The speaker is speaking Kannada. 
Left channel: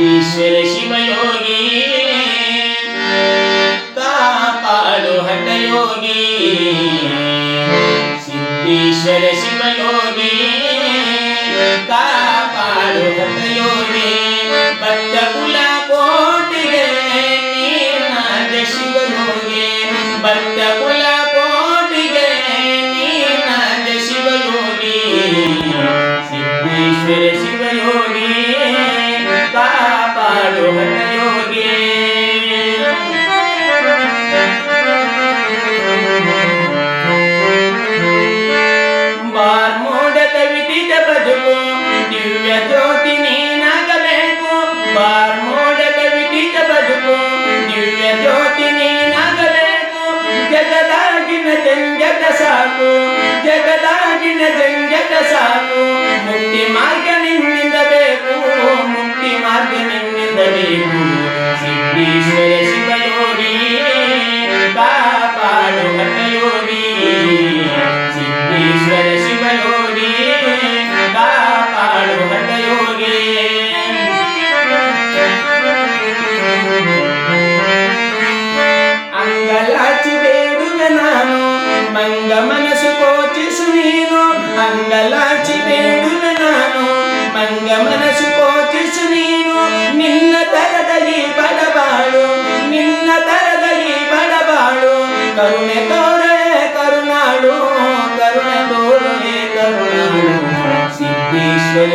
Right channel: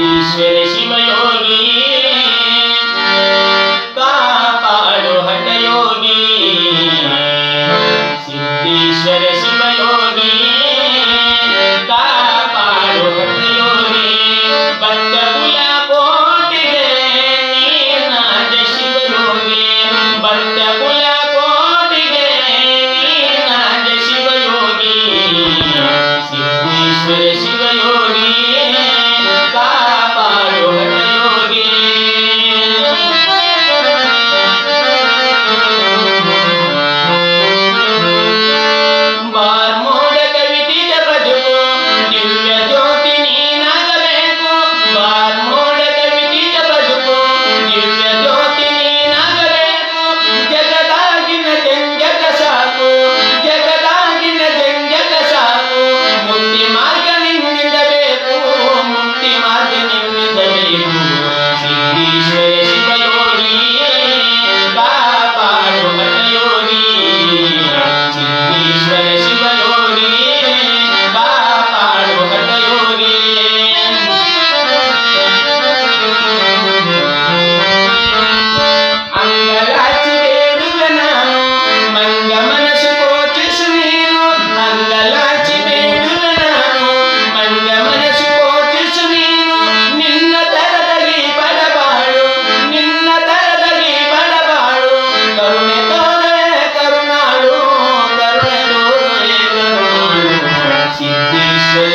ಸಿದ್ದೇಶ್ವರ ಶಿವಯೋಗಿ ಕಾಪಾಡು ಹಠಯೋಗಿ ಸಿದ್ದೇಶ್ವರ ಶಿವಯೋಗಿ ಕಾಪಾಡು ಹಠಯೋಗಿ ಭಕ್ತ ಕುಲ ಕೋಟಿಗೆ ನೀನಾದ ಶಿವಯೋಗಿ ಭಕ್ತ ಕುಲ ಕೋಟಿಗೆ ನೀನಾದ ಶಿವಯೋಗಿ ಸಿದ್ದೇಶ್ವರ ಶಿವಯೋಗಿ ಕಾಪಾಡು ಹಠಯೋಗಿ ಬಾರ್ಮೋಡಕ ವಿಧಿತ ಬದುಕು ದಿವ್ಯ ಜ್ಯೋತಿ ನೀನಾಗಬೇಕು ಬಾರ್ಮೋಡಕ ವಿಧಿತ ಬದುಕು ದಿವ್ಯ ಜ್ಯೋತಿ ನೀನಾಗಬೇಕು ಜಗದಾಗಿನ ಜಂಜಟ ಸಾಕು ಜಗದಾಗಿನ ಜಂಜಟ ಸಾಕು ಮುಕ್ತಿ ಮಾರ್ಗ ನಿನ್ನಿಂದ ಬೇಕು ಮುಕ್ತಿ ಮಾರ್ಗ ನಿನ್ನಿಂದ ಬೇಕು ಸಿದ್ದೇಶ್ವರ ಶಿವಯೋಗಿ ಕಾಪಾಡು ಹಠಯೋಗಿ ಸಿದ್ದೇಶ್ವರ ಶಿವಯೋಗಿ ಕಾಪಾಡು ಹಠಯೋಗಿ ಅಂಗಲಾಚಿ ಬೇಡುವೆ ನಾನು ಮಂಗ ಮನಸ್ಸು ಕೋಚಿಸು ನೀನು ಅಂಗಲಾಚಿ ಬೇಡುವೆ ನಾನು ಮಂಗ ಮನಸ್ಸು ಕೋಚಿಸು ನೀನು ನಿನ್ನ ತರದಲ್ಲಿ ಬಡಬಾಳು ನಿನ್ನ ತರದಲ್ಲಿ ಬಡಬಾಳು ಕರುಣೆ ತೋರೆ ಕರುಣಾಳು ಕರುಣೆ ತೋರೆ ಕರುಣಾಳು ಸಿದ್ದೇಶ್ವರ